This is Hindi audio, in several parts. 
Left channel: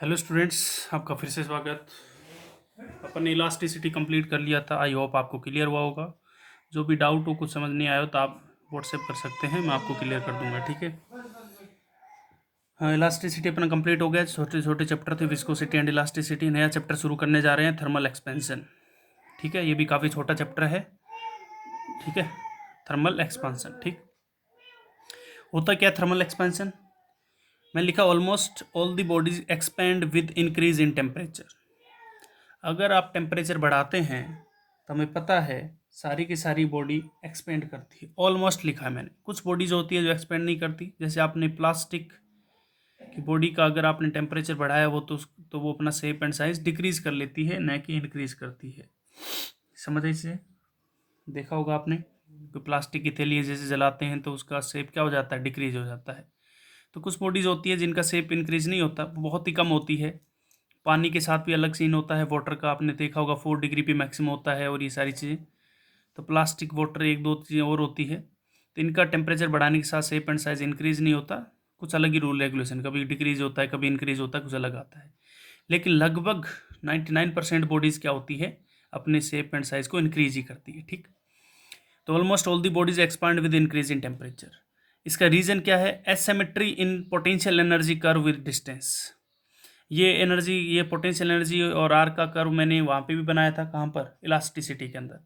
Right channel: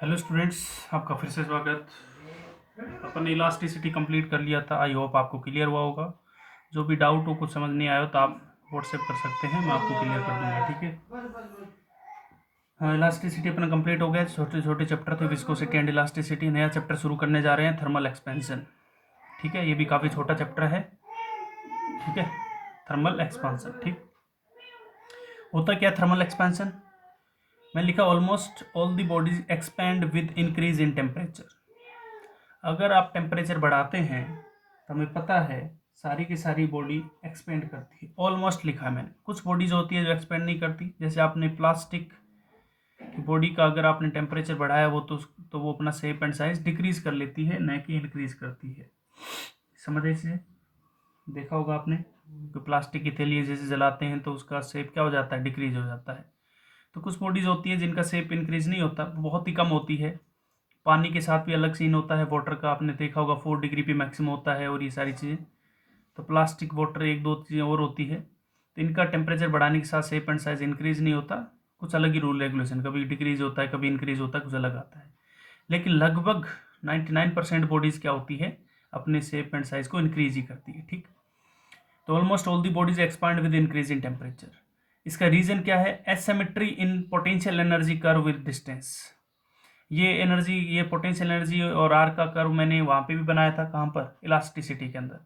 हेलो स्टूडेंट्स, आपका फिर से स्वागत। अपन ने इलास्टिसिटी कंप्लीट कर लिया था। आई होप आपको क्लियर हुआ होगा। जो भी डाउट हो, कुछ समझ नहीं आया हो तो आप व्हाट्सएप कर सकते हैं, मैं आपको क्लियर कर दूंगा। ठीक है। हाँ, इलास्टिसिटी अपना कंप्लीट हो गया। छोटे छोटे चैप्टर थे, विस्कोसिटी एंड इलास्टिसिटी। नया चैप्टर शुरू करने जा रहे हैं, थर्मल एक्सपेंशन। ठीक है, ये भी काफ़ी छोटा चैप्टर है। ठीक है, थर्मल एक्सपेंशन। ठीक, होता क्या थर्मल एक्सपेंशन? मैं लिखा almost all the bodies expand with increase in temperature. अगर आप टेम्परेचर बढ़ाते हैं तो हमें पता है सारी की सारी बॉडी एक्सपेंड करती है। ऑलमोस्ट लिखा है मैंने। कुछ बॉडीज होती है जो एक्सपेंड नहीं करती, जैसे आपने प्लास्टिक की बॉडी का अगर आपने टेम्परेचर बढ़ाया तो वो अपना शेप एंड साइज डिक्रीज कर लेती है, न कि इंक्रीज करती है। समझ रहे इसे? देखा होगा आपने कि प्लास्टिक की थैली जैसे जलाते हैं तो उसका शेप क्या हो जाता है, डिक्रीज हो जाता है। तो कुछ बॉडीज होती है जिनका शेप इंक्रीज नहीं होता, बहुत ही कम होती है। पानी के साथ भी अलग सीन होता है, वाटर का आपने देखा होगा 4 डिग्री पे मैक्सिमम होता है, और ये सारी चीज़ें। तो प्लास्टिक, वाटर, एक दो चीज़ें और होती है। तो इनका टेम्परेचर बढ़ाने के साथ शेप एंड साइज इंक्रीज नहीं होता। कुछ अलग ही रूल रेगुलेशन, कभी डिक्रीज होता है, कभी इंक्रीज होता है, कुछ अलग आता है। लेकिन लगभग 99% बॉडीज़ क्या होती है, अपने शेप एंड साइज को इंक्रीज ही करती है। ठीक, तो almost all the bodies expand with increase in temperature. इसका रीजन क्या है? Asymmetry in potential energy curve with distance. ये एनर्जी, ये पोटेंशियल एनर्जी और आर का कर्व मैंने वहाँ पे भी बनाया था। कहाँ पर? इलास्टिसिटी के अंदर।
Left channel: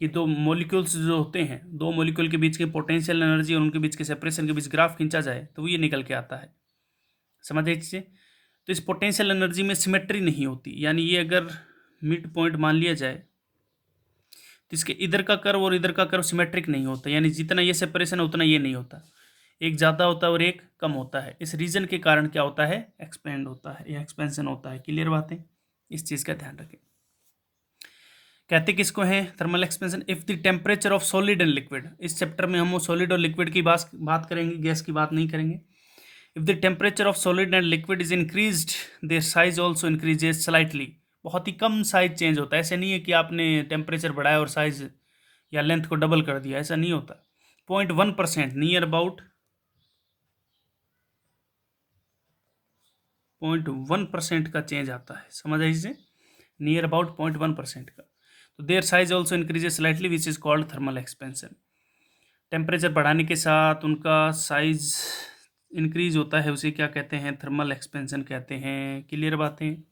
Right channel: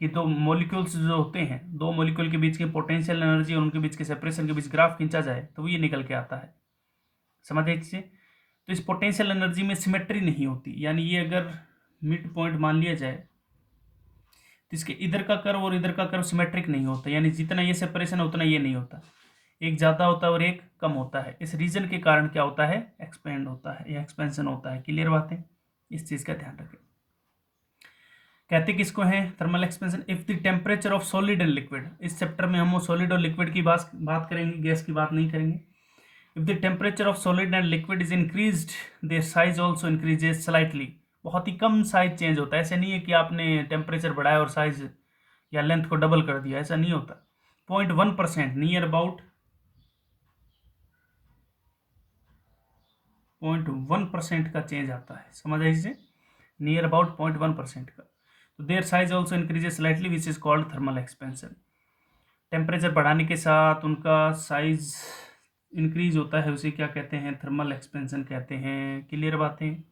कि दो मॉलिक्यूल्स जो होते हैं, दो मॉलिक्यूल के बीच के पोटेंशियल एनर्जी और उनके बीच के सेपरेशन के बीच ग्राफ खींचा जाए तो ये निकल के आता है। समझ आई चीज़ें? तो इस पोटेंशियल एनर्जी में सिमेट्री नहीं होती, यानी ये अगर मिड पॉइंट मान लिया जाए तो इसके इधर का कर्व और इधर का कर्व सिमेट्रिक नहीं होता, यानी जितना ये सेपरेशन है उतना ये नहीं होता। एक ज़्यादा होता है और एक कम होता है। इस रीजन के कारण क्या होता है? एक्सपेंड होता है या एक्सपेंशन होता है। क्लियर बात है? इस चीज़ का ध्यान रखें। कहते किसको है thermal expansion? If the temperature of solid and liquid. इस चैप्टर में हम सॉलिड और लिक्विड की बात करेंगे, गैस की बात नहीं करेंगे। If the temperature of solid and liquid is increased, their size also increases slightly. बहुत ही कम साइज चेंज होता है। ऐसे नहीं है कि आपने टेम्परेचर बढ़ाया और साइज या लेंथ को डबल कर दिया, ऐसा नहीं होता। 0.1%, नियर अबाउट 0.1% का चेंज आता है। समझ आई इसे? नियर अबाउट 0.1% का। तो their size also increases slightly which is called thermal expansion. Temperature बढ़ाने के साथ उनका साइज इंक्रीज होता है, उसे क्या कहते हैं? थर्मल एक्सपेंशन कहते हैं। क्लियर बातें?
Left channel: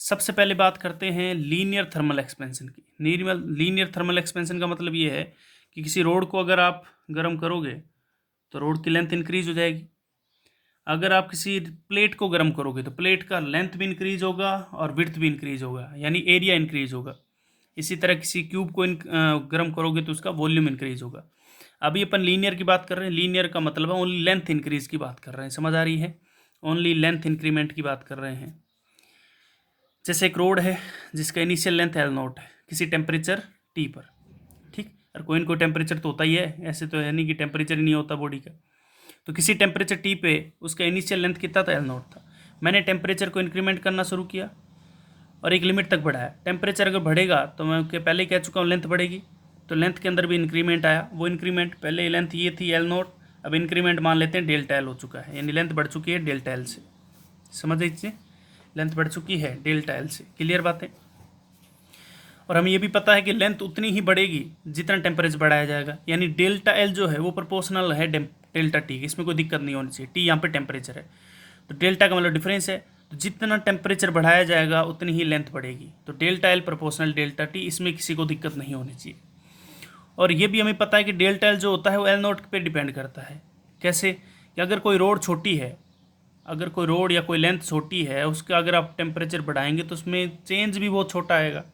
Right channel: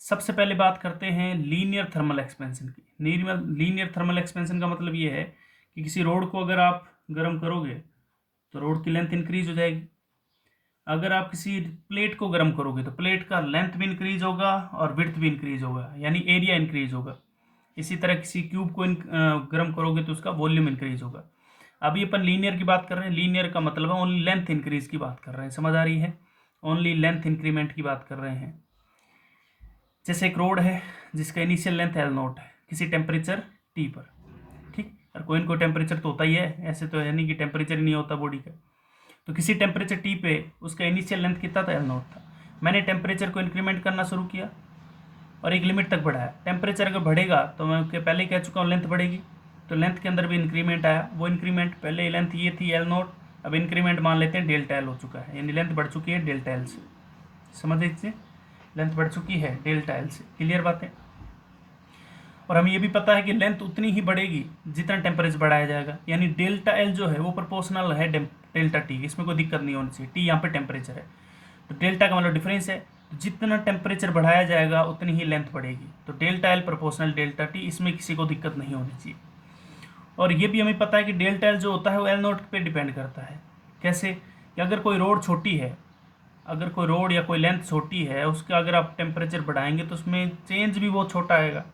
सबसे पहले बात करते हैं लीनियर थर्मल एक्सपेंशन की। लीनियर थर्मल एक्सपेंशन का मतलब ये है कि किसी रोड को अगर आप गर्म करोगे तो रोड की लेंथ इंक्रीज हो जाएगी। अगर आप किसी प्लेट को गर्म करोगे तो प्लेट का लेंथ भी इंक्रीज होगा और विड्थ भी इंक्रीज होगा, यानी एरिया इंक्रीज होगा। इसी तरह किसी क्यूब को गर्म करोगे तो उसका वॉल्यूम इंक्रीज होगा। अभी अपन लीनियर की बात कर रहे हैं। लीनियर का मतलब है ओनली लेंथ इंक्रीज की बात कर रहे हैं। समझ आ रही है? ओनली लेंथ इंक्रीमेंट की बात कर रहे हैं। जैसे एक रोड है जिसका इनिशियल लेंथ एल नॉट है किसी टेम्परेचर टी पर। ठीक, और कोई ना कोई टेम्परेचर तो होता ही है, ऐसे तो है नहीं कि टेम्परेचर ही नहीं होता बॉडी का। तो किसी टेम्परेचर टी पे उसका इनिशियल लेंथ कितना था? एल नॉट था। मैंने टेम्परेचर को इंक्रीमेंट करना शुरू किया और एक लिमिट तक बढ़ाया। टेम्परेचर अगर बढ़ेगा तो मैं पहले ही कह चुका हूँ लेंथ बढ़ेगी, तो लेंथ के अंदर भी इंक्रीमेंट आया। वो इंक्रीमेंट, पहले लेंथ ये थी एल नॉट, अब इंक्रीमेंट मान लेते हैं डेल्टा एल हो चुका है, यानी लेंथ बढ़ चुकी है डेल्टा एल से। समझ लीजिए, लेंथ बढ़ चुकी है डेल्टा एल से। क्लियर बात है? और हमें ये भी पता है कि लेंथ उतनी ही बढ़ेगी जितना टेम्परेचर बढ़ाया जाएगा, यानी डेल्टा एल जो है वो प्रोपोर्शनल है डेल्टा टी। इसमें कोई दिक्कत नहीं होनी चाहिए। टी यहाँ पे टेम्परेचर है, तो डेल्टा का मतलब डिफरेंस है। तो जितना टेम्परेचर बढ़ाया जाएगा उतनी ही लेंथ बढ़ेगी। तो delta L proportional delta T, इसमें किसी को दिक्कत नहीं होनी चाहिए। और ये भी हमें पता है कि डेल्टा एल जो होता है वो एल नोट पे डिपेंड करता है। कैसे? कि अगर कोई रोड छोटी है, अगर कोई रोड या कोई लेंथ छोटी है, उसका अगर आप टेम्परेचर बढ़ाएंगे तो उसमें चेंज भी बहुत छोटा आएगा।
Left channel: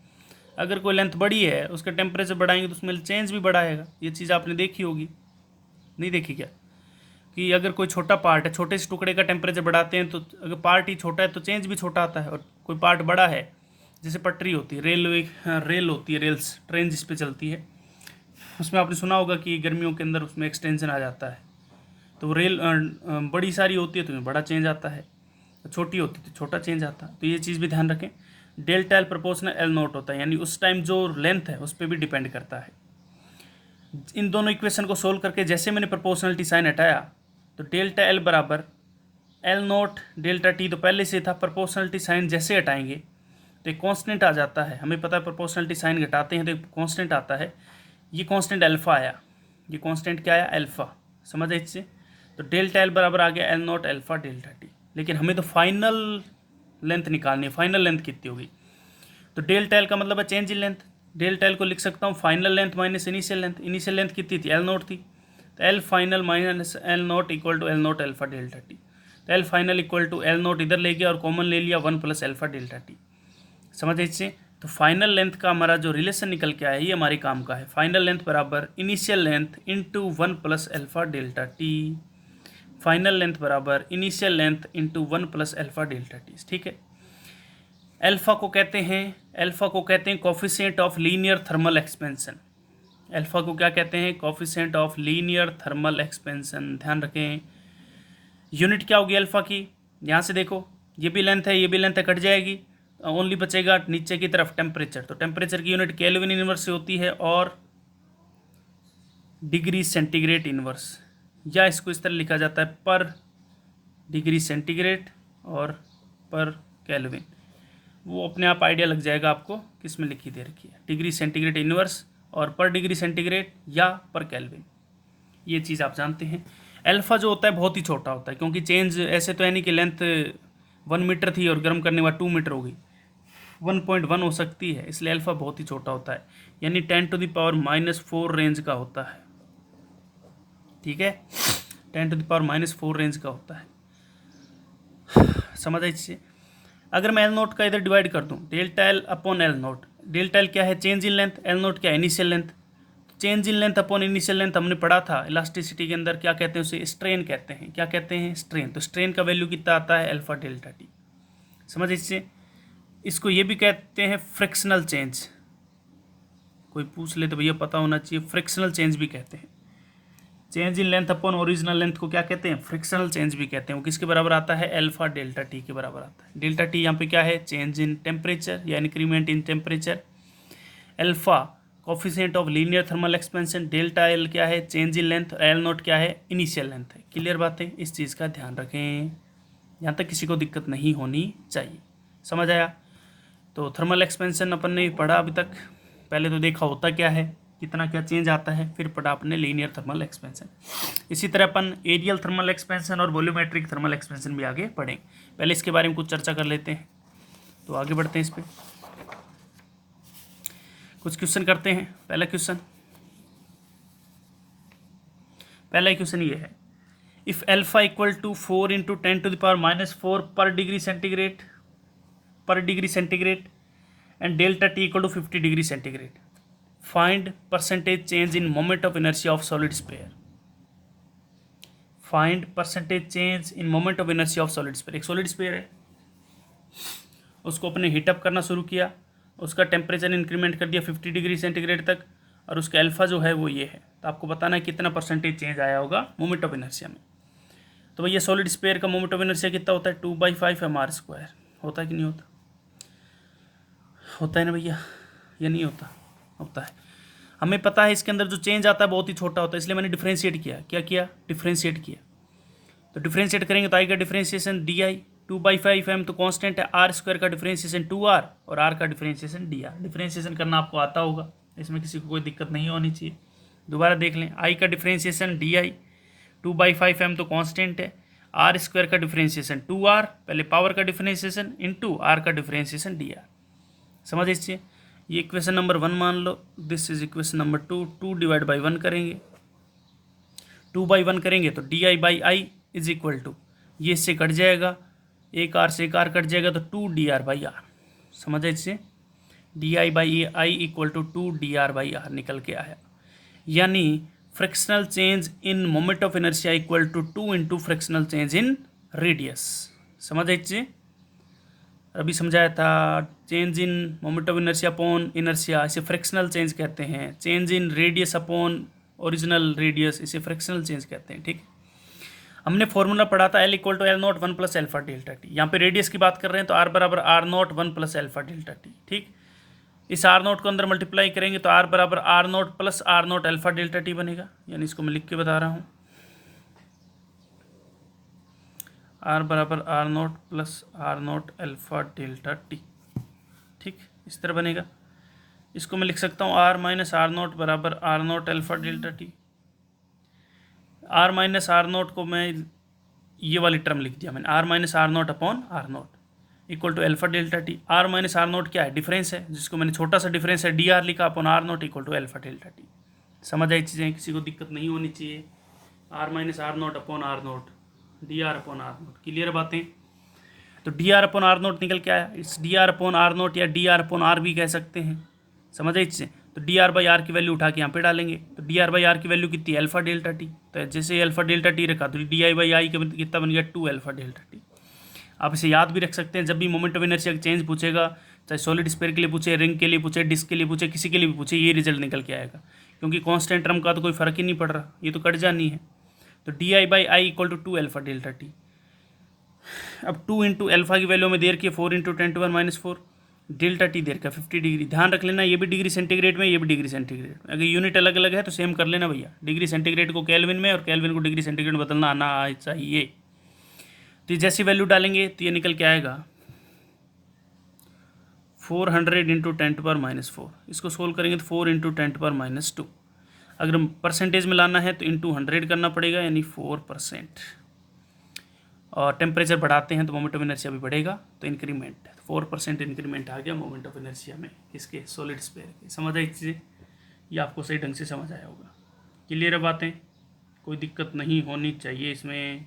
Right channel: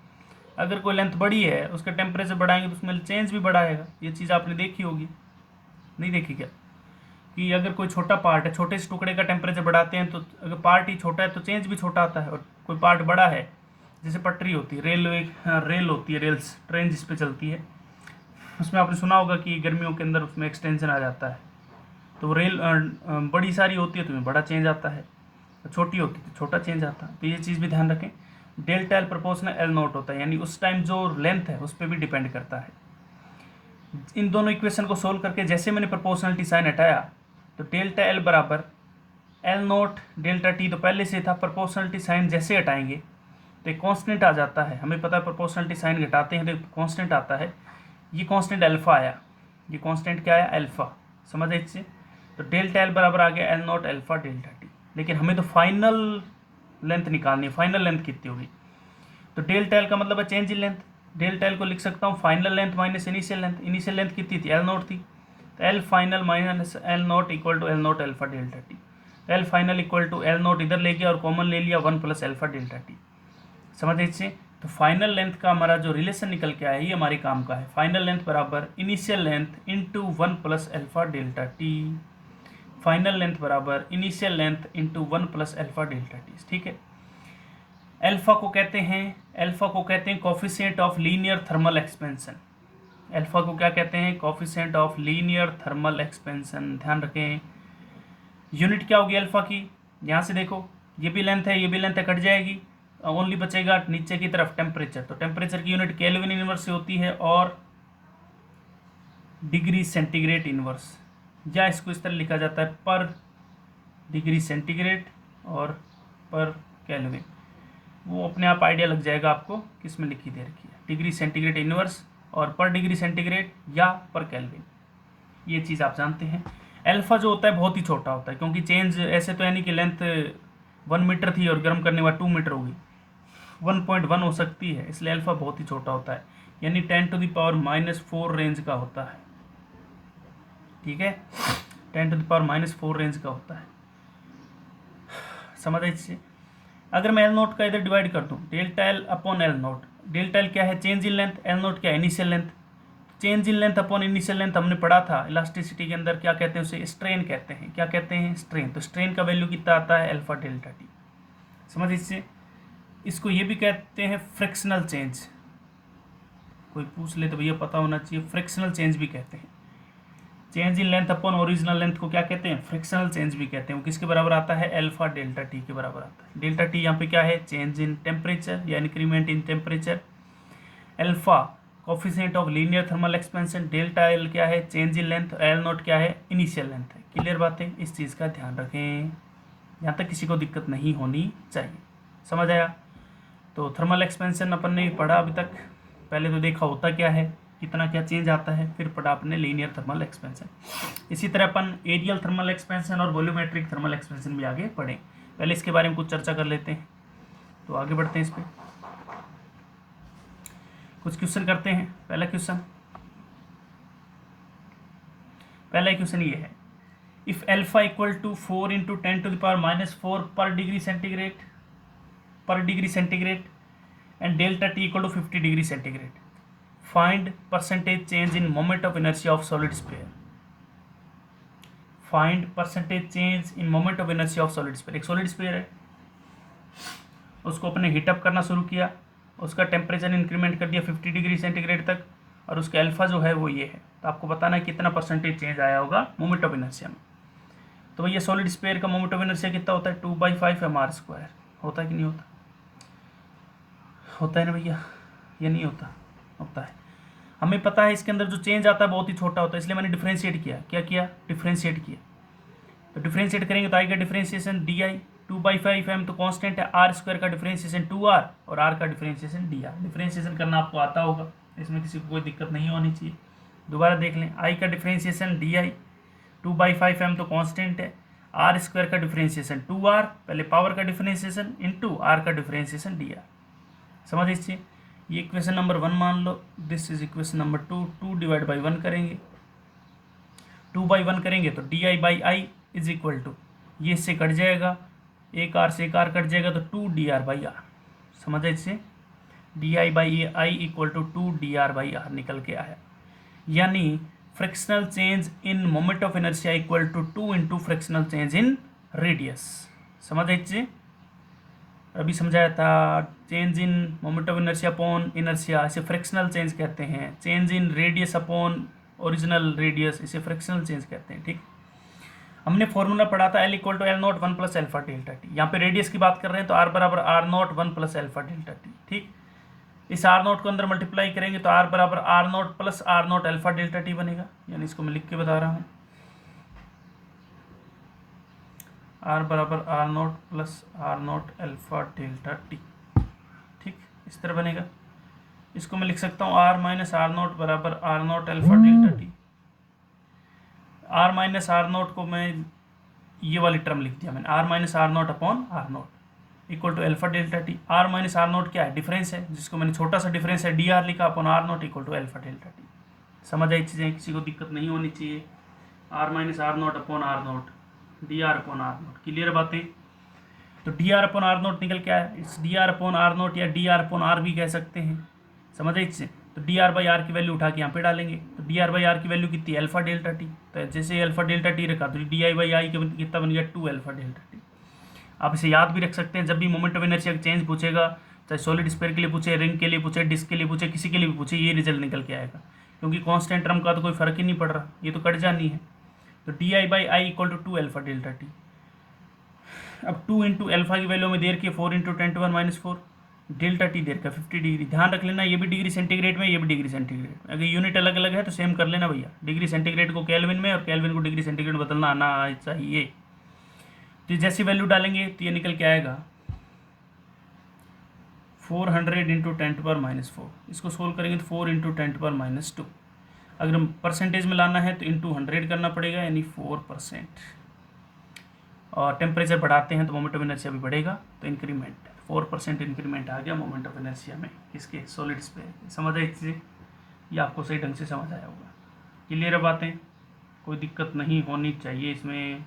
अगर कोई लेंथ बड़ी है, उसका टेम्परेचर बढ़ाएंगे तो उसमें चेंज भी बड़ा आएगा। ये चीज़ आपने देखी होगी, नहीं देखी क्या? कि अगर कोई छोटा पार्ट है, छोटे से टुकड़े का टेम्परेचर बढ़ाते हैं तो अगर पार्ट ही छोटा है तो चेंज भी छोटा आता है। और कोई पार्ट बड़ा है, जैसे पटरी होती है, रेलवे, रेल होती है, रेल्स, ट्रेन जिस पे चलती है, उसमें आपने सुना होगा कि गर्मियों के अंदर उसमें एक्सटेंशन आ जाता है। तो वो रेल बड़ी सारी होती है तो उसमें बड़ा चेंज आता है, छोटी होती है तो छोटा चेंज आता है। तो ये चीज़ भी ध्यान रखें। Delta L proportional L note होता है, यानी उस टाइम जो लेंथ है उस पर भी डिपेंड करता है। इन दोनों इक्वेशन को सोल्व करके जैसे मैंने प्रोपोर्शनलिटी साइन हटाया तो डेल्टा एल बराबर एल नोट डेल्टा टी तो पहले से था, प्रोपोर्शनलिटी साइन जैसे हटाएंगे तो एक कांस्टेंट आ जाता है, हमें पता है प्रोपोर्शनलिटी साइन घटाते हैं तो एक कांस्टेंट आता है, ये कांस्टेंट अल्फा आया, ये कांस्टेंट क्या आया अल्फा, समझ इससे। तो डेल्टा एल बराबर आ गया L naught alpha delta T, लेकिन हमें तो फाइनल लेंथ निकालनी है, फाइनल लेंथ कितनी होगी, तो डेल्टा एल का मतलब है change in length, delta L को लिख सकता हूँ final length minus initial length, initial length कितनी थी एल नोट थी, तो L final minus L naught equal to L naught alpha delta T, तो L final equal to L naught इधर ले गया और कॉमन ले लिया 1 प्लस अल्फा डेल्टा टी, समझ इससे। तो फाइनल लेंथ का हमारा जो रिलेशन निकल के आया ये हमारे काम का है, फाइनल लेंथ बराबर initial length into 1 plus alpha delta T, final length बराबर initial length into 1 plus alpha delta T, ठीक है। अल्फा को कहते हैं coefficient of linear thermal expansion, alpha को क्या कहते हैं coefficient of linear thermal expansion, ध्यान रखें। यूनिट क्या होगी अल्फा की, यहाँ से देखो ये भी लेंथ है ये भी लेंथ है, कट जाएगी, ओनली बचेगा नीचे की तरफ टेम्परेचर, तो टेम्परेचर की यूनिट केल्विन इनवर्स से होती है और डिग्री सेंटीग्रेड इनवर्स, या इसको इस तरह लिखा जाता है पर डिग्री सेंटीग्रेड और पर केल्विन, वो अपने आप आइडिया लग जाएगा आपको किस में लिखी दे रखी है, डिग्री सेंटीग्रेड इनवर्स और पर डिग्री सेंटीग्रेड या पर केल्विन, ये चीज़ आप जानते हैं। अल्फा जो होता है बहुत ही छोटा होता है, क्योंकि चेंज ऐसे तो है नहीं कि लेंथ 1 मीटर थी और गर्म करने बाद 2 मीटर हो गई, 1.1 हो सकती है, इसलिए अल्फा बहुत ही छोटा होता है, यानी 10⁻⁻⁴ रेंज का होता है, ठीक है, 10⁻⁻⁴ रेंज का होता है, समझ इससे। अगर मैं एल नोट का इधर डिवाइड कर दूं, delta L upon L note, delta L क्या है change in length, L note क्या है initial length, change in length upon initial length हमने पढ़ा था इलास्टिसिटी के अंदर, क्या कहते हैं उसे स्ट्रेन कहते हैं, क्या कहते हैं स्ट्रेन, तो स्ट्रेन का वैल्यू कितना आता है अल्फा डेल्टा टी, समझ इससे। इसको ये भी कहते हैं फ्रिक्शनल चेंज, कोई पूछ ले तो भैया पता होना चाहिए, फ्रिक्शनल चेंज भी कहते हैं, change in length upon original length को क्या कहते हैं फ्रिक्शनल चेंज भी कहते हैं, वो किसके बराबर आता है अल्फा डेल्टा टी के बराबर आता है। डेल्टा टी यहाँ पे क्या है चेंज इन टेम्परेचर या increment in temperature, alpha coefficient of linear thermal expansion, delta L क्या है change in length, L note क्या है इनिशियल लेंथ है, क्लियर बात है, इस चीज़ का ध्यान रखें, यहाँ तक किसी को दिक्कत नहीं होनी चाहिए, समझ आया। तो थर्मल एक्सपेंशन अपन ने पढ़ा अभी तक, पहले तो देखा होता क्या है कितना क्या चेंज आता है, फिर पढ़ा आपने लीनियर थर्मल एक्सपेंशन। इसी तरह अपन एरियल थर्मल एक्सपेंशन और वॉल्यूमेट्रिक थर्मल एक्सपेंशन भी आगे पढ़ें, पहले इसके बारे में कुछ चर्चा कर लेते हैं, तो आगे बढ़ते हैं इस पर, कुछ क्वेश्चन करते हैं। पहला क्वेश्चन ये है, इफ अल्फा इक्वल टू 4 × 10⁻⁻⁴ पर degree centigrade and delta T equal to 50 degree centigrade, find percentage change in moment of inertia of solid sphere, find percentage change in moment of inertia of solid sphere. एक सॉलिड स्फीयर है, उसको अपने हीटअप करना शुरू किया, उसका टेम्परेचर इंक्रीमेंट कर दिया 50 डिग्री सेंटीग्रेड तक, और उसका अल्फा जो है वो ये है, तो आपको बताना है कितना परसेंटेज चेंज आया होगा मोमेंट ऑफ इनर्शिया में। तो भैया सॉलिड स्फीयर का मोमेंट ऑफ इनर्शिया कितना होता है 2/5 mr², होता है कि नहीं होता, होता है ना भैया, या नहीं होता, होता है। हमें पता है इसके अंदर जो चेंज आता है बहुत ही छोटा होता है, इसलिए मैंने डिफ्रेंशिएट किया, क्या किया डिफ्रेंशिएट किया, तो डिफ्रेंशिएट करेंगे तो आएगा डिफ्रेंशिएशन डी आई, 2/5 m तो कांस्टेंट है, r² का डिफ्रेंशिएशन 2r और r का डिफ्रेंशिएशन dr, डिफ्रेंशिएशन करना आपको आता होगा, इसमें किसी को कोई दिक्कत नहीं होनी चाहिए। दोबारा देख लें, i का डिफ्रेंशिएशन di, 2/5 m तो कांस्टेंट है, r² का डिफ्रेंशिएशन 2r, पहले पावर का डिफ्रेंशिएशन इंटू r का डिफ्रेंशिएशन dr, समझ इससे। ये इक्वेशन नंबर 1 मान लो, दिस इज इक्वेशन नंबर 2, 2/1 करेंगे, 2/1 करेंगे तो di/i इज इक्वल टू, ये इससे कट जाएगा, एक आर से एक आर कट जाएगा तो 2dr/r, समझ इससे, di/i इक्वल टू 2dr/r निकल के आया, यानी frictional change in moment of inertia equal to 2 × frictional change in radius, समझ इससे। अभी समझाया था change in moment of inertia upon inertia, इसे फ्रिक्शनल चेंज कहते हैं, change in radius upon original radius, इसे फ्रिक्शनल चेंज कहते हैं, ठीक। हमने फॉर्मूला पढ़ा था L = L0 1 + alpha delta T, यहाँ पे रेडियस की बात कर रहे हैं तो R = R0 1 + alpha delta T, ठीक। इस R0 को अंदर मल्टीप्लाई करेंगे तो R = R0 + R0 alpha delta T बनेगा, यानी इसको मैं लिख के बता रहा हूँ, आर बराबर R naught plus R naught alpha delta T. ठीक, इस तरह बनेगा। इसको मैं लिख सकता हूँ आर माइनस आर नोट बराबर R naught alpha delta T. R minus R naught को मैं ये वाली टर्म लिख दिया मैंने, R minus R naught upon R naught equal to alpha delta T. R minus R naught क्या है? डिफरेंस है, जिसको मैंने छोटा सा डिफरेंस है डी आर लिखा upon R naught equal to alpha delta T. समझ आई चीज़ें, किसी को दिक्कत नहीं होनी चाहिए। R minus R naught upon R naught, D R upon R naught, clear बातें? तो D R upon R naught निकल क्या है? इस D R upon R naught या डी आर अपॉन आर भी कह सकते हैं। समझ आई चीज़ें? तो डी आर बाई आर की वैल्यू उठा के यहाँ पे डालेंगे, तो डी आर बाई आर की वैल्यू कितनी है? Alpha delta T. तो जैसे अल्फा डेल्टा टी रखा तो डी आई बाई आई कितना बन गया? 2 अल्फा डेल्टा टी। आप इसे याद भी रख सकते हैं, जब भी मोमेंट ऑफ इनर्शिया चेंज पूछेगा, चाहे सॉलिड स्फीयर के लिए पूछे, रिंग के लिए पूछे, डिस्क के लिए पूछे, किसी के लिए भी पूछे, ये रिजल्ट निकल के आएगा, क्योंकि कांस्टेंट टर्म का तो कोई फर्क ही नहीं पड़ रहा, ये तो कट जानी है। तो D I by I equal to 2 alpha delta T. अब 2 इंटू अल्फा की वैल्यू में देर की 4 इंटू 10⁻⁻⁴ डेल्टा टी देर का 50 डिग्री। ध्यान रख लेना, ये भी डिग्री सेंटीग्रेड में, ये भी डिग्री सेंटीग्रेड में। अगर यूनिट अलग अलग है तो सेम कर लेना भैया, डिग्री सेंटीग्रेड को केल्विन में और केल्विन को डिग्री सेंटीग्रेड में बदलना आना चाहिए। तो जैसी वैल्यू डालेंगे तो ये निकल के आएगा 400 इंटू 10⁻⁴। इसको सोल्व करेंगे तो 4 इंटू 10⁻²। अगर परसेंटेज में लाना है तो इंटू 100 करना पड़ेगा, यानी 4%। और टेम्परेचर बढ़ाते हैं तो मोमेंट ऑफ इनर्शिया भी बढ़ेगा, तो इंक्रीमेंट 4% इंक्रीमेंट आ गया मोमेंट ऑफ इनर्शिया में, इसके सॉलिड स्फीयर। समझ आई चीज़ें? ये आपको सही ढंग से समझ आया होगा। क्लियर है बातें? कोई दिक्कत नहीं होनी चाहिए इसमें।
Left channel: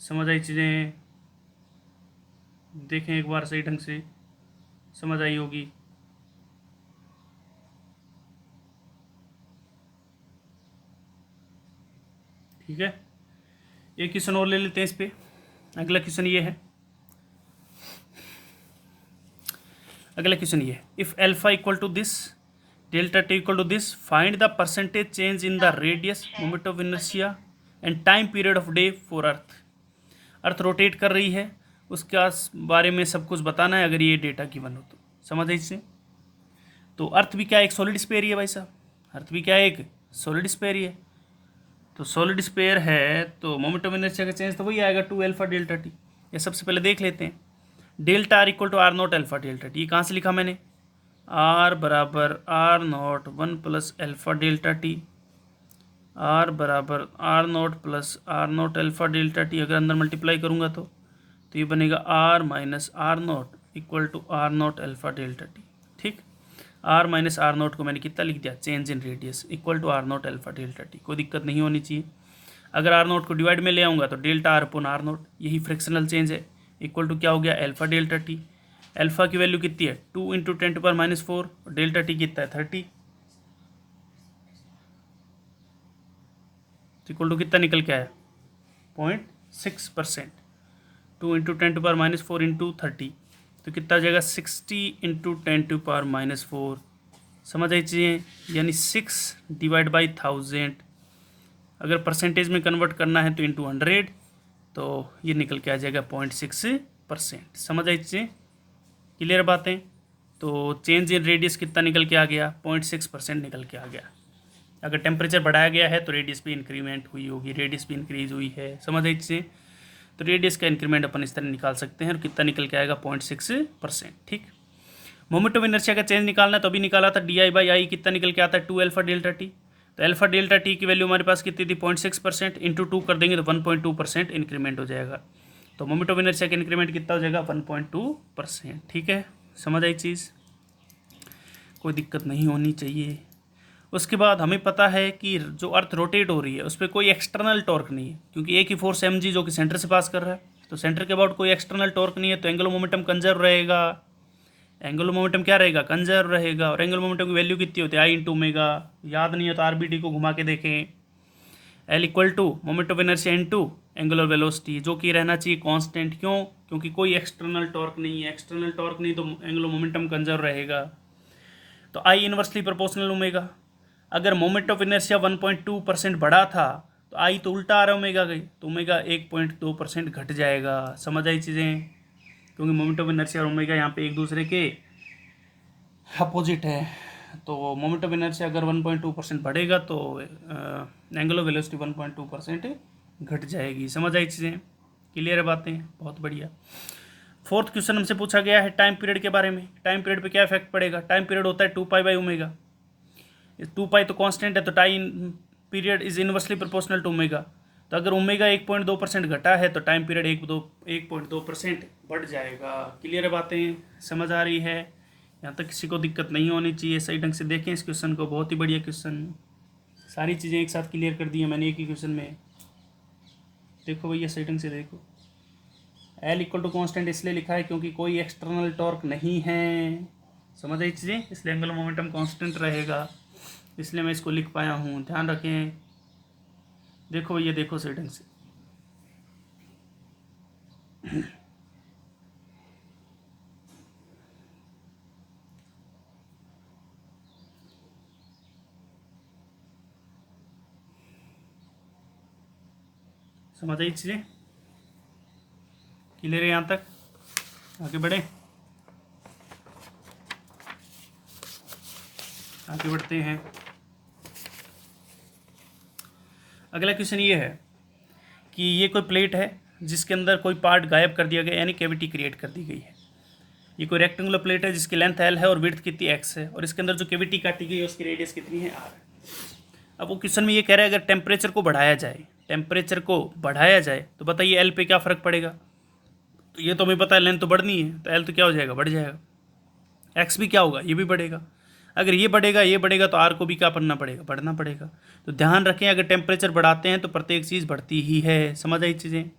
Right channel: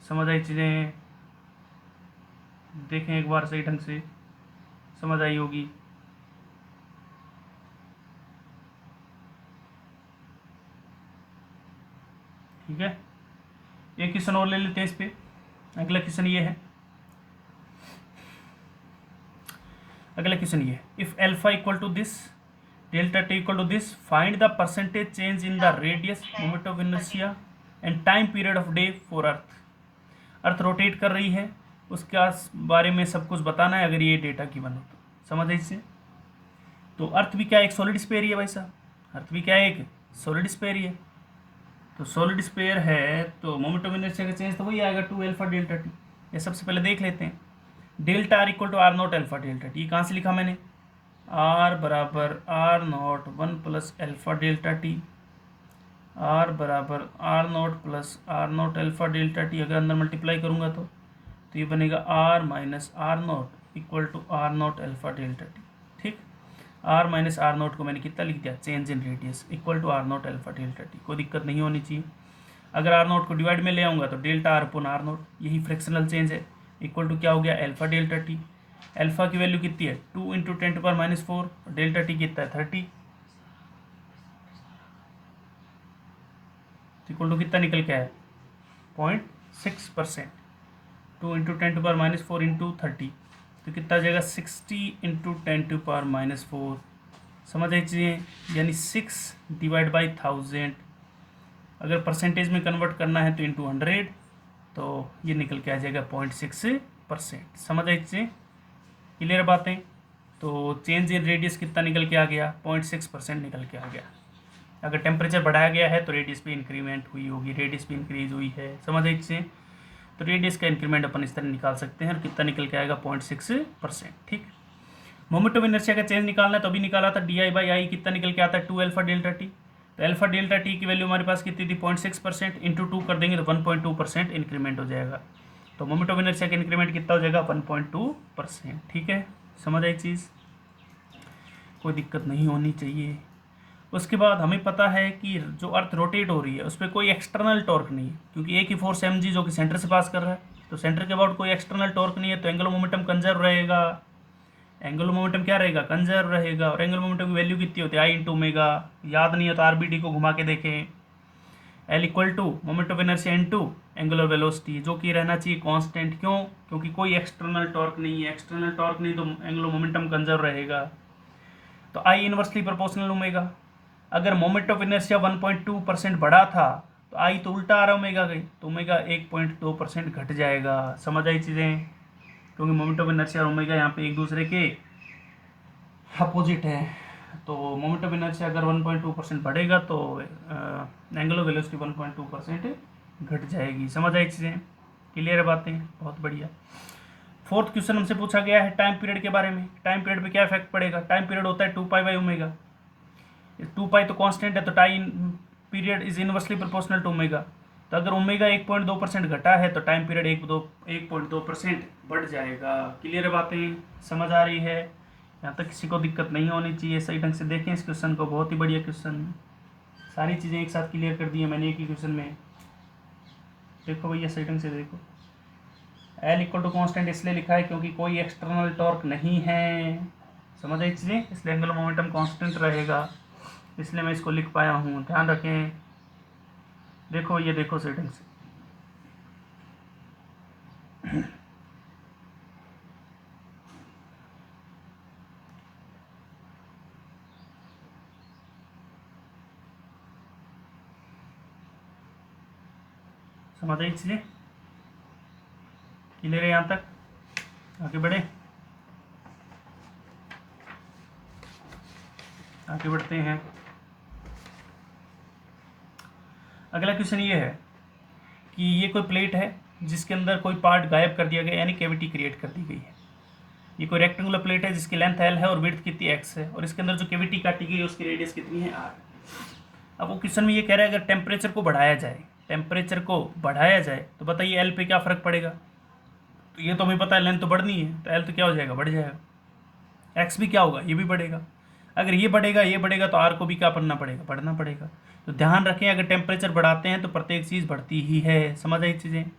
समझ आई चीज़ें? देखें एक बार सही ढंग से, समझ आई होगी। ठीक है, एक क्वेश्चन और ले लेते हैं इस पे। अगला क्वेश्चन ये है, अगला क्वेश्चन ये है, if alpha equal to this, delta T equal to this, find the percentage change in the radius, moment of inertia and time period of day for Earth. Earth rotate कर रही है, उसके बारे में सब कुछ बताना है, अगर ये डेटा गिवन हो तो। समझ आई इससे? तो अर्थ भी क्या है? एक सॉलिड स्फीयर ही है भाई साहब, अर्थ भी क्या है? एक सॉलिड स्फीयर ही है। तो सॉलिड स्फीयर है तो मोमेंट ऑफ इनर्शिया का चेंज तो वही आएगा 2 अल्फा डेल्टा टी। ये सबसे पहले देख लेते हैं। Delta R equal to R naught alpha delta T, ये कहाँ से लिखा मैंने? आर बराबर R naught 1 plus alpha delta T, R बराबर R naught plus R naught alpha delta T. अगर अंदर मल्टीप्लाई करूँगा तो ये बनेगा R minus R naught equal to R naught alpha delta T. ठीक, आर माइनस आर नॉट को मैंने कितना लिख दिया? Change in radius equal to R naught alpha delta T. कोई दिक्कत नहीं होनी चाहिए। अगर आर नॉट को डिवाइड में ले आऊँगा तो delta R upon R naught, यही फ्रैक्शनल चेंज है, इक्वल टू क्या हो गया? Alpha delta T. अल्फा की वैल्यू कितनी है? 2 इंटू 10⁻⁴, डेल्टा टी कितना है? 30, इक्वल टू कितना निकल के आया? 0.6%। 2 इंटू 10⁻⁴ इंटू 30 तो कितना आ जाएगा? 60 इंटू 10⁻⁴। समझ आई चीज़ें? यानी 6 डिवाइड बाई 1000। अगर परसेंटेज में कन्वर्ट करना है तो इंटू 100, तो ये निकल के आ जाएगा 0.6%। समझ आई चीज़ें? क्लियर बातें? तो चेंज इन रेडियस कितना निकल के आ गया? 0.6% निकल के आ गया। अगर टेम्परेचर बढ़ाया गया है तो रेडियस भी इंक्रीमेंट हुई होगी, रेडियस भी इंक्रीज हुई है। समझ आई चीज़ें? तो रेडियस का इंक्रीमेंट अपन इस तरह निकाल सकते हैं, और कितना निकल के आएगा? 0.6%। ठीक, मोमेंट ऑफ इनर्शिया का चेंज निकालना तो अभी निकाला था, डी आई बाई आई कितना निकल के आता है? 2 अल्फा डेल्टा टी। तो अल्फा डेल्टा टी की वैल्यू हमारे पास कितनी थी? 0.6%, इंटू 2 कर देंगे तो 1.2% इंक्रीमेंट हो जाएगा। तो मोमेंट ऑफ इनर्शिया का इंक्रीमेंट कितना हो जाएगा? 1.2%। ठीक है, समझ आई चीज़? कोई दिक्कत नहीं होनी चाहिए। उसके बाद हमें पता है कि जो अर्थ रोटेट हो रही है उस पर कोई एक्सटर्नल टॉर्क नहीं है, क्योंकि एक ही फोर्स एम जी जो कि सेंटर से पास कर रहा है, तो सेंटर के अबाउट कोई एक्सटर्नल टॉर्क नहीं है, तो एंगुलर मोमेंटम कंजर्व रहेगा। एंगुलर मोमेंटम क्या रहेगा? कंजर्व रहेगा। और एंगुलर मोमेंटम की वैल्यू कितनी होती है? I into omega. याद नहीं है तो आरबीडी को घुमा के देखें। L equal to moment of inertia into angular velocity, जो कि रहना चाहिए कांस्टेंट। क्यों? क्योंकि कोई एक्सटर्नल टॉर्क नहीं है। एक्सटर्नल टॉर्क नहीं तो एंगुलर मोमेंटम कंजर्व रहेगा। तो आई इनवर्सली प्रोपोर्शनल ओमेगा। अगर मोमेंट ऑफ इनर्शिया 1.2% बढ़ा था तो आई तो उल्टा आ रहा है ओमेगा गई, तो ओमेगा 1.2% घट जाएगा। समझ आई चीज़ें? क्योंकि मोमेंट ऑफ इनर्शिया और ओमेगा यहाँ पे एक दूसरे के अपोजिट है। तो मोमेंट ऑफ इनर्शिया अगर 1.2% बढ़ेगा तो एंगुलर वेलोसिटी 1.2% घट जाएगी। समझ आई चीज़ें? क्लियर है बातें? बहुत बढ़िया। फोर्थ क्वेश्चन हमसे पूछा गया है टाइम पीरियड के बारे में। टाइम पीरियड पे क्या इफेक्ट पड़ेगा? टाइम पीरियड होता है 2π/ω। 2π तो कांस्टेंट है, तो time period is inversely proportional to omega. तो अगर ओमेगा 1.2% घटा है तो टाइम पीरियड 1.2% बढ़ जाएगा। क्लियर है बातें? समझ आ रही है? यहाँ तक किसी को दिक्कत नहीं होनी चाहिए। सही ढंग से देखें इस क्वेश्चन को, बहुत ही बढ़िया क्वेश्चन। सारी चीज़ें एक साथ क्लियर कर दी है मैंने एक ही क्वेश्चन में। देखो भैया सही ढंग से देखो। एल इक्वल टू कॉन्स्टेंट इसलिए लिखा है क्योंकि कोई एक्सटर्नल टॉर्क नहीं है। समझ आई चीज़ें? इसलिए एंगुलर मोमेंटम कांस्टेंट रहेगा, इसलिए मैं इसको लिख पाया हूँ। ध्यान रखें। देखो ये देखो सही ढंग से। समझ आई चीज़ें? क्लियर है यहाँ तक? आगे बढ़े, आगे बढ़ते हैं। अगला क्वेश्चन ये है कि ये कोई प्लेट है जिसके अंदर कोई पार्ट गायब कर दिया गया, यानी कैविटी क्रिएट कर दी गई है। ये कोई रेक्टेंगुलर प्लेट है जिसकी लेंथ एल है और विड्थ कितनी एक्स है, और इसके अंदर जो कैविटी काटी गई है उसकी रेडियस कितनी है आर। अब वो क्वेश्चन में ये कह रहा है अगर टेम्परेचर को बढ़ाया जाए, टेम्परेचर को बढ़ाया जाए तो बताइए एल पे क्या फ़र्क पड़ेगा? तो ये तो हमें पता है लेंथ तो बढ़नी है, तो एल तो क्या हो जाएगा? बढ़ जाएगा। एक्स भी क्या होगा? ये भी बढ़ेगा। अगर ये बढ़ेगा तो आर को भी क्या करना पड़ेगा? बढ़ना पड़ेगा। तो ध्यान रखें अगर टेम्परेचर बढ़ाते हैं तो प्रत्येक चीज़ बढ़ती ही है। समझ आई चीज़ें?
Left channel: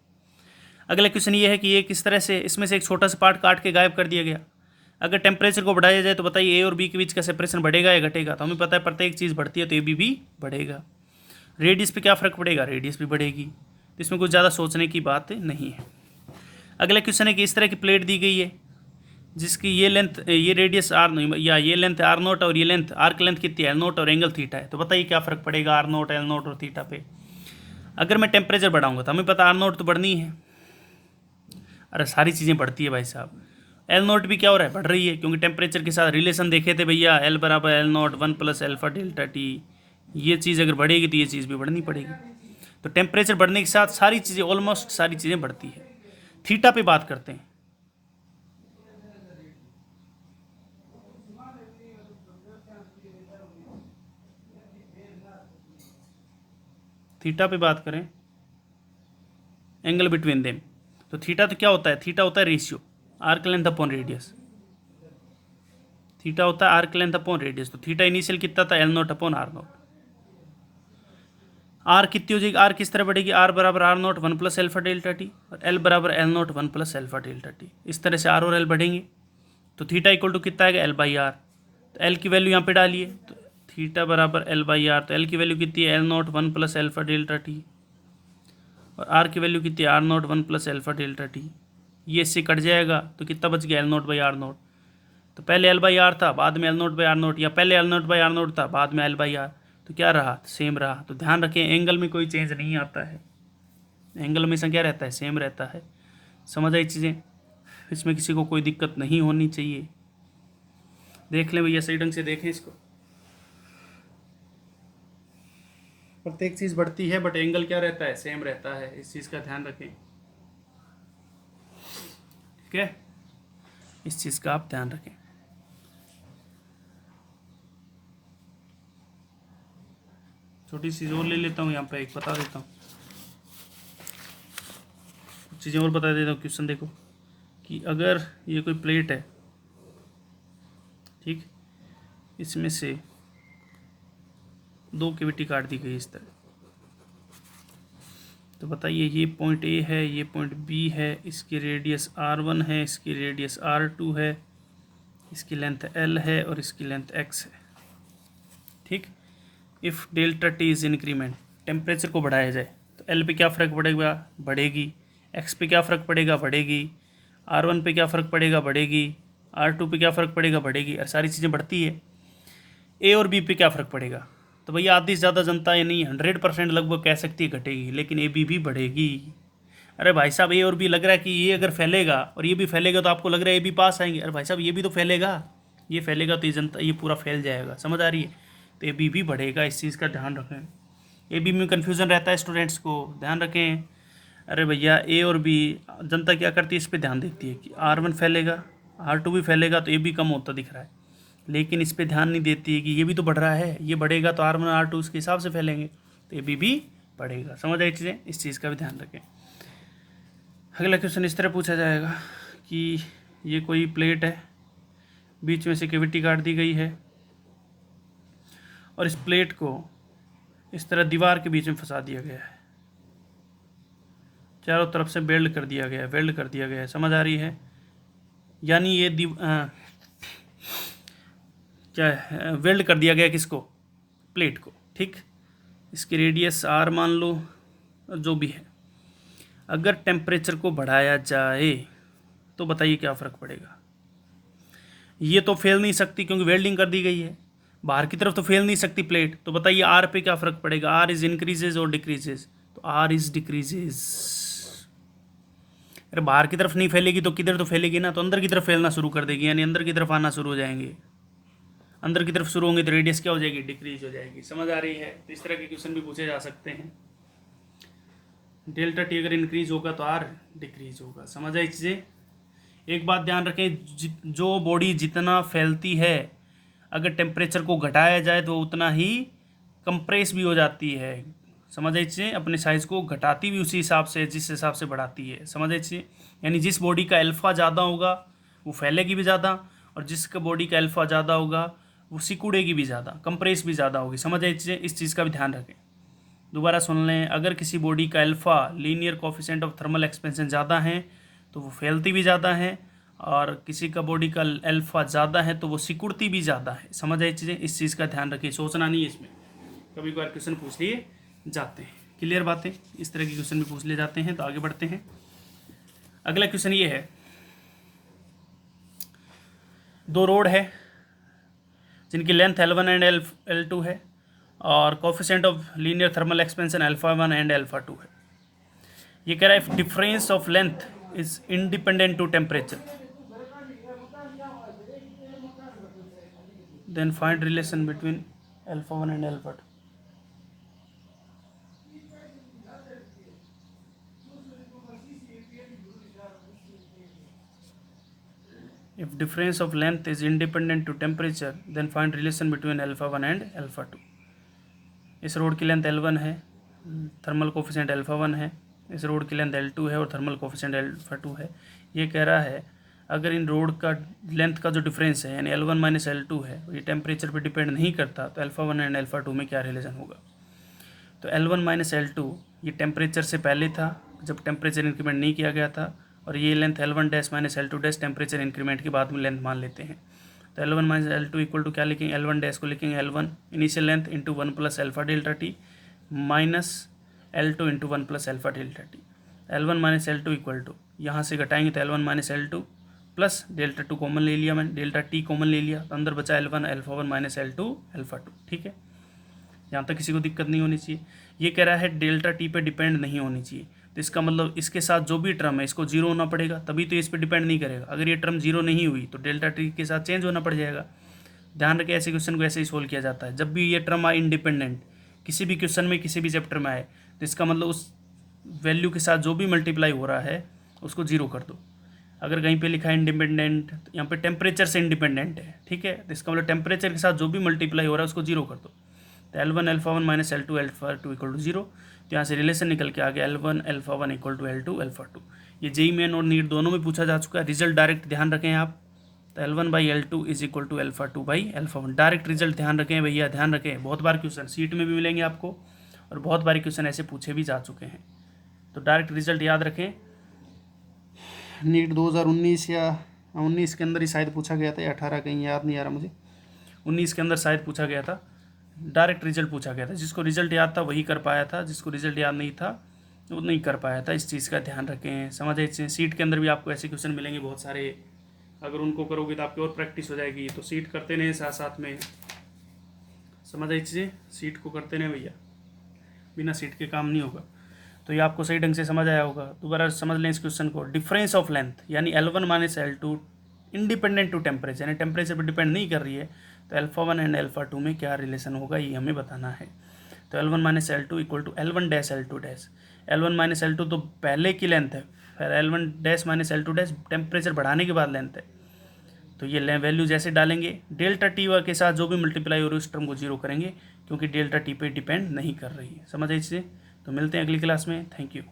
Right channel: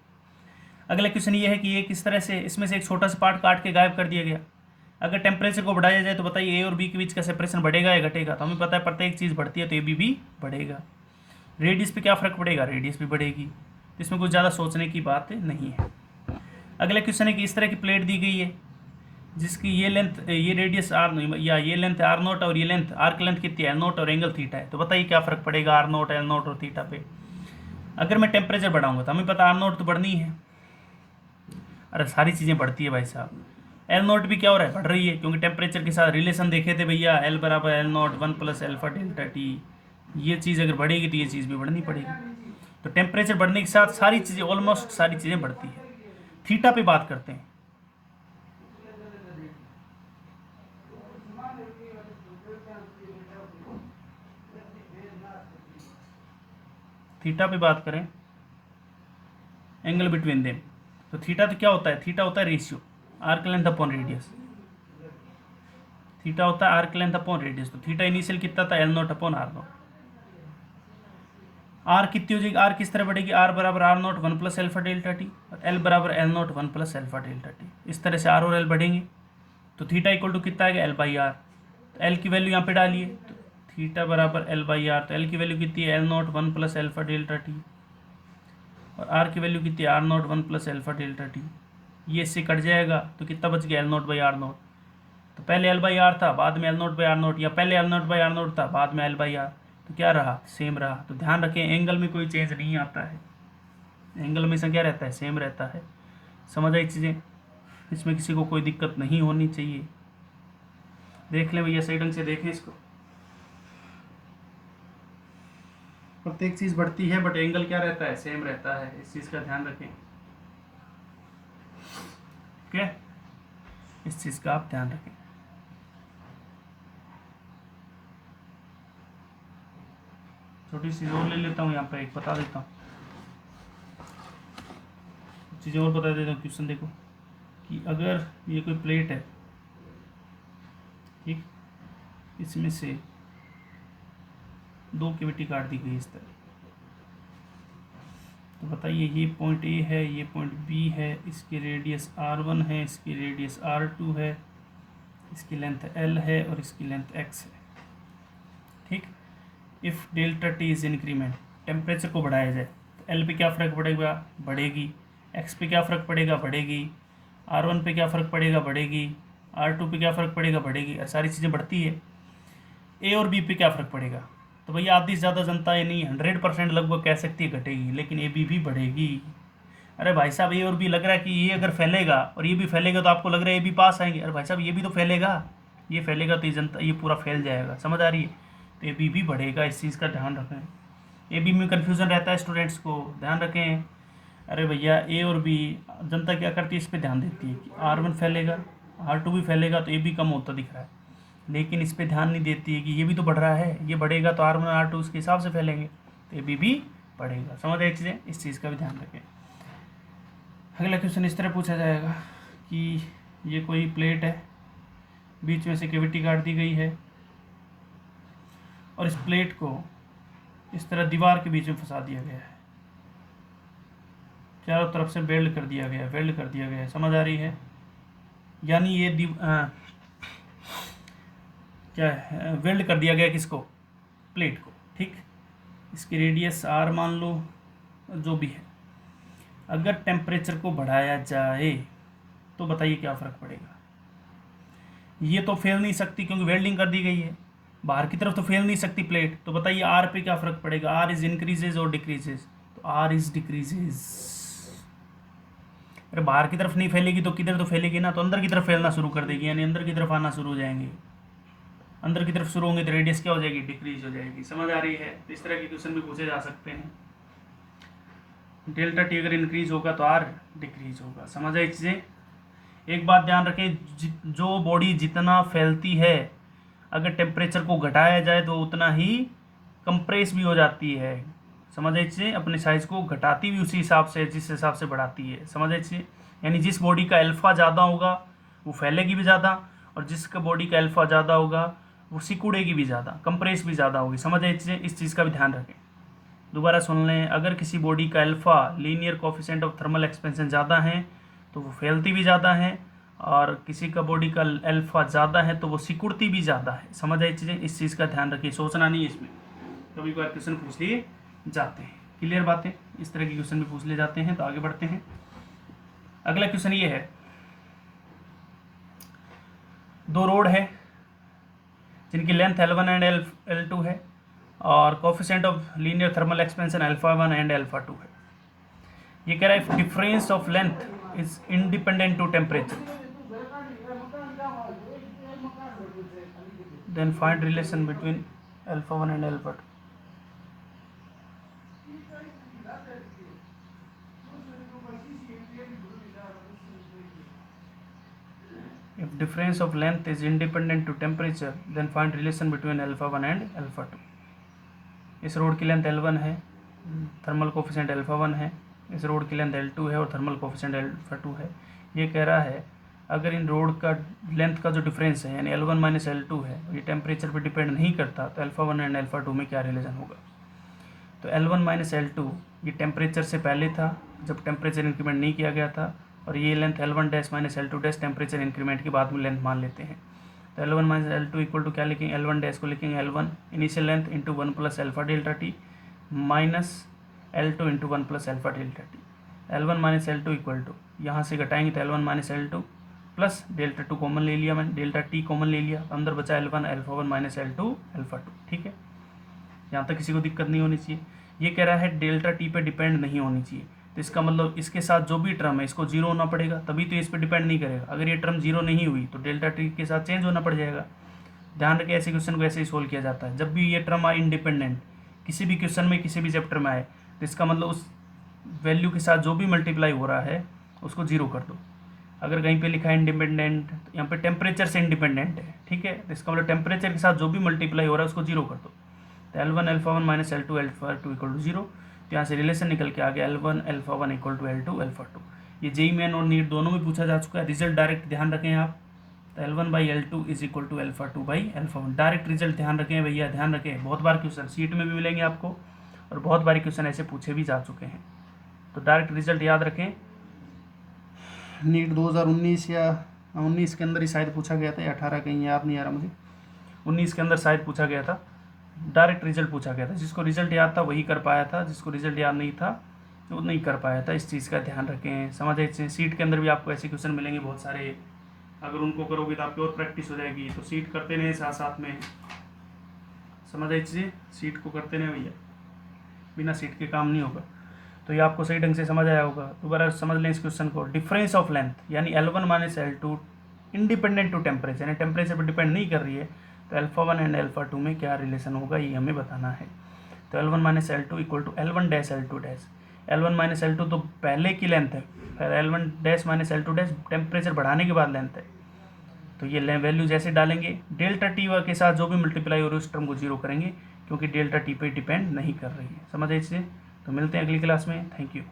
अगला क्वेश्चन ये है कि ये किस तरह से इसमें से एक छोटा सा पार्ट काट के गायब कर दिया गया। अगर टेम्परेचर को बढ़ाया जाए तो बताइए ए और बी के बीच का सेपरेशन बढ़ेगा या घटेगा? तो हमें पता है प्रत्येक चीज़ बढ़ती है, तो ए बी भी बढ़ेगा। रेडियस पे क्या फ़र्क पड़ेगा? रेडियस भी बढ़ेगी। तो इसमें कुछ ज़्यादा सोचने की बात नहीं है। अगला क्वेश्चन है कि इस तरह की प्लेट दी गई है जिसकी ये लेंथ, ये रेडियस आर या ये लेंथ आर नोट और ये लेंथ आर्क लेंथ कितनी है? एल नोट और एंगल थीटा है। तो बताइए क्या फ़र्क पड़ेगा आर नोट, एल नोट और थीटा पे? अगर मैं टेम्परेचर बढ़ाऊंगा तो हमें पता आर नोट तो बढ़नी है। अरे सारी चीज़ें बढ़ती है भाई साहब। एल नोट भी क्या हो रहा है? बढ़ रही है, क्योंकि टेम्परेचर के साथ रिलेशन देखे थे भैया, एल बराबर L naught 1 + alpha delta T. ये चीज़ अगर बढ़ेगी तो ये चीज़ भी बढ़नी पड़ेगी। तो टेम्परेचर बढ़ने के साथ सारी चीज़ें, ऑलमोस्ट सारी चीज़ें बढ़ती है। थीटा पे बात करते हैं। थीटा पे बात करें, एंगल बिटवीन देम, तो थीटा तो क्या होता है? थीटा होता है ratio arc length upon radius. Theta होता है आर्क लेंथ अपॉन रेडियस। तो थीटा इनिशियल कितना था? L naught upon R naught. R कितनी हो जाएगी? आर किस तरह बढ़ेगी? आर बराबर R naught 1 + alpha delta T, और एल बराबर L naught 1 + alpha delta T. इस तरह से आर और एल बढ़ेंगे। तो थीटा इक्वल टू कितना आएगा? L by R. तो एल की वैल्यू यहाँ पे डालिए, तो थीटा बराबर एल बाई आर। तो एल की वैल्यू कितनी है? L naught 1 + alpha delta T, और आर की वैल्यू कितनी है? R naught 1 + alpha delta T. ये इससे कट जाएगा तो कितना बच गया? L naught by R naught. तो पहले एल बाई आर था, बाद में L naught by R naught, या पहले L naught by R naught था, बाद में एल बाई आर। तो क्या रहा? सेम रहा। तो ध्यान रखें एंगल में कोई चेंज नहीं आता है, एंगल हमेशा क्या रहता है? सेम रहता है। समझ आई चीज़ें? इसमें किसी को कोई दिक्कत नहीं होनी चाहिए। देख लें भैया, सही ढंग से देखें इसको। प्रत्येक चीज़ बढ़ती है बट एंगल क्या रहता है? सेम रहता है। इस चीज़ का ध्यान रखें। ठीक है, इस चीज़ का आप ध्यान रखें। छोटी चीज़ और ले लेता हूँ यहाँ पे, एक बता देता हूँ, चीज़ें और बता देता हूँ। क्वेश्चन देखो कि अगर ये कोई प्लेट है, ठीक, इसमें से दो कैविटी काट दी गई इस तरह, तो बताइए ये पॉइंट ए है, ये पॉइंट बी है, इसकी रेडियस r1 है, इसकी रेडियस r2 है, इसकी लेंथ l है और इसकी लेंथ x है। ठीक, if delta T is increment, temperature को बढ़ाया जाए तो l पे क्या फ़र्क पड़ेगा? बढ़ेगी। x पे क्या फ़र्क पड़ेगा? बढ़ेगी। r1 पे क्या फ़र्क पड़ेगा? बढ़ेगी। r2 पे क्या फ़र्क पड़ेगा? बढ़ेगी। और सारी चीज़ें बढ़ती है। a और b पे क्या फ़र्क पड़ेगा? तो भैया आधी से ज़्यादा जनता ये नहीं, 100% लगभग कह सकती है घटेगी, लेकिन ए बी भी बढ़ेगी। अरे भाई साहब, ए और बी लग रहा है कि ये अगर फैलेगा और ये भी फैलेगा तो आपको लग रहा है ए बी पास आएंगे। अरे भाई साहब, ये भी तो फैलेगा, ये फैलेगा तो ये जनता, ये पूरा फैल जाएगा। समझ आ रही है? तो ए बी भी बढ़ेगा। इस चीज़ का ध्यान रखें। ए बी में कन्फ्यूज़न रहता है स्टूडेंट्स को, ध्यान रखें। अरे भैया ए और बी, जनता क्या करती है, इस पे ध्यान देती है कि R1 फैलेगा, R2 भी फैलेगा तो ए भी कम होता दिख रहा है, लेकिन इस पे ध्यान नहीं देती है कि ये भी तो बढ़ रहा है, ये बढ़ेगा तो R1 R2 उसके हिसाब से फैलेंगे, तो ए बी भी बढ़ेगा। समझ आई चीज़ें, इस चीज़ का भी ध्यान रखें। अगला क्वेश्चन इस तरह पूछा जाएगा कि ये कोई प्लेट है, बीच में से कैविटी काट दी गई है और इस प्लेट को इस तरह दीवार के बीच में फंसा दिया गया है, चारों तरफ से वेल्ड कर दिया गया है, वेल्ड कर दिया गया है। समझ आ रही है, यानी ये क्या है, वेल्ड कर दिया गया किसको, प्लेट को, ठीक। इसकी रेडियस R मान लो, जो भी है। अगर टेम्परेचर को बढ़ाया जाए तो बताइए क्या फ़र्क पड़ेगा। ये तो फैल नहीं सकती क्योंकि वेल्डिंग कर दी गई है, बाहर की तरफ तो फैल नहीं सकती प्लेट, तो बताइए R पे क्या फ़र्क पड़ेगा। R इज़ इंक्रीजेज और डिक्रीजेज, तो R इज़ डिक्रीजेज। अरे बाहर की तरफ नहीं फैलेगी तो किधर तो फैलेगी ना, तो अंदर की तरफ फैलना शुरू कर देगी, यानी अंदर की तरफ आना शुरू हो जाएंगे। अंदर की तरफ शुरू होंगे तो रेडियस क्या हो जाएगी, डिक्रीज हो जाएगी। समझ आ रही है, तो इस तरह के क्वेश्चन भी पूछे जा सकते हैं। डेल्टा टी अगर इंक्रीज होगा तो R डिक्रीज होगा। समझ आई चीज़ें। एक बात ध्यान रखें, जो बॉडी जितना फैलती है, अगर टेम्परेचर को घटाया जाए तो उतना ही कंप्रेस भी हो जाती है। समझ आई चीज़ें, अपने साइज़ को घटाती भी उसी हिसाब से जिस हिसाब से बढ़ाती है। समझ आई चीज़ें, यानी जिस बॉडी का अल्फ़ा ज़्यादा होगा वो फैलेगी भी ज़्यादा, और जिसका बॉडी का अल्फ़ा ज़्यादा होगा वो सिकुड़ेगी भी ज़्यादा, कंप्रेस भी ज़्यादा होगी। समझ आई चीज़ें, इस चीज़ का भी ध्यान रखें। दोबारा सुन लें, अगर किसी बॉडी का alpha linear coefficient of thermal expansion ज़्यादा है तो वो फैलती भी ज़्यादा है, और किसी का बॉडी का अल्फ़ा ज़्यादा है तो वो सिकुड़ती भी ज़्यादा है। समझ आई चीज़ें, इस चीज़ का ध्यान रखिए, सोचना नहीं है इसमें, कभी कभार क्वेश्चन पूछ लिए जाते हैं। क्लियर बातें, इस तरह के क्वेश्चन भी पूछ लिए जाते हैं। तो आगे बढ़ते हैं। अगला क्वेश्चन ये है, दो रोड है जिनकी लेंथ L1 एंड L2 है और coefficient of linear thermal expansion α1 and α2 है। ये कह रहा है difference of length is independent to temperature, then find relation between α1 and α2। If difference of length is independent to temperature, then find relation between α1 and α2। इस रोड की लेंथ L1 है, थर्मल कोफिशिएंट α1 है, इस रोड की लेंथ L2 है और थर्मल कोफिशिएंट α2 है। ये कह रहा है अगर इन रोड का लेंथ का जो डिफरेंस है यानी L1 माइनस L2 है, ये टेम्परेचर पे डिपेंड नहीं करता, तो α1 एंड α2 में क्या रिलेशन होगा। तो L1 माइनस L2 ये टेम्परेचर से पहले था जब टेम्परेचर इंक्रीमेंट नहीं किया गया था, और ये length L1 dash minus L2 dash temperature increment के बाद में लेंथ मान लेते हैं। तो L1 minus L2 equal to क्या लिखेंगे, L1 डैश को लिखेंगे L1 initial length into 1 plus alpha delta T minus L2 into 1 plus alpha delta T. L1 minus L2 equal to, यहाँ से घटाएंगे तो L1 minus L2 plus delta 2 common ले लिया मैंने, डेल्टा टी कॉमन ले लिया, तो अंदर बचा L1 α1 माइनस L2 α2। ठीक है, यहाँ तक किसी को दिक्कत नहीं होनी चाहिए। ये कह रहा है डेल्टा टी पे डिपेंड नहीं होनी चाहिए, तो इसका मतलब इसके साथ जो भी टर्म है इसको जीरो होना पड़ेगा, तभी तो इस पर डिपेंड नहीं करेगा। अगर ये टर्म जीरो नहीं हुई तो डेल्टा टी के साथ चेंज होना पड़ जाएगा। ध्यान रखें, ऐसे क्वेश्चन को ऐसे ही सोल्व किया जाता है। जब भी ये टर्म आए इंडिपेंडेंट किसी भी क्वेश्चन में किसी भी चैप्टर में आए, तो इसका मतलब उस वैल्यू के साथ जो भी मल्टीप्लाई हो रहा है उसको जीरो कर दो। अगर कहीं पे लिखा है इंडिपेंडेंट, तो यहाँ पे टेम्परेचर से इंडिपेंडेंट है, ठीक है, तो इसका मतलब टेम्परेचर के साथ जो भी मल्टीप्लाई हो रहा है उसको जीरो कर दो। तो L1 α1 minus L2 α2 equal to zero. तो यहाँ से रिलेशन निकल के आ गया L1 α1 इक्वल टू L2 α2। ये जेई मेन और नीट दोनों में पूछा जा चुका है, रिजल्ट डायरेक्ट ध्यान रखें आप। तो L1 by L2 is equal to α2 by α1, direct result ध्यान रखें भैया, ध्यान रखें। बहुत बार क्वेश्चन सीट में भी मिलेंगे आपको, और बहुत बार क्वेश्चन ऐसे पूछे भी जा चुके हैं, तो डायरेक्ट रिजल्ट याद रखें। नीट 2019 या 19 के अंदर ही शायद पूछा गया था, या 18, कहीं याद नहीं आ रहा मुझे, 19 के अंदर शायद पूछा गया था, डायरेक्ट रिजल्ट पूछा गया था। जिसको रिजल्ट याद था वही कर पाया था, जिसको रिजल्ट याद नहीं था वो नहीं कर पाया था। इस चीज़ का ध्यान रखें। समझ आए, सीट के अंदर भी आपको ऐसे क्वेश्चन मिलेंगे बहुत सारे, अगर उनको करोगे तो आपकी और प्रैक्टिस हो जाएगी। तो सीट करते रहें साथ साथ में, समझ आई चीज़ें, सीट को करते रहें भैया, बिना सीट के काम नहीं होगा। तो ये आपको सही ढंग से समझ आया होगा। दोबारा समझ लें इस क्वेश्चन को। डिफरेंस ऑफ लेंथ यानी L1 minus L2 independent to temperature, यानी टेम्परेचर पर डिपेंड नहीं कर रही है, तो α1 एंड α2 में क्या रिलेशन होगा ये हमें बताना है। तो L1 minus L2 equal to L1 dash L2 dash, L1 minus L2 तो पहले की लेंथ है, फिर L1 dash minus L2 dash temperature बढ़ाने के बाद लेंथ है। तो ये वैल्यू जैसे डालेंगे डेल्टा टी के साथ जो भी मल्टीप्लाई हो रही है उस टर्म को जीरो करेंगे, क्योंकि डेल्टा टी पे डिपेंड नहीं कर रही है। समझ आए इससे? तो मिलते हैं अगली क्लास में। Thank you.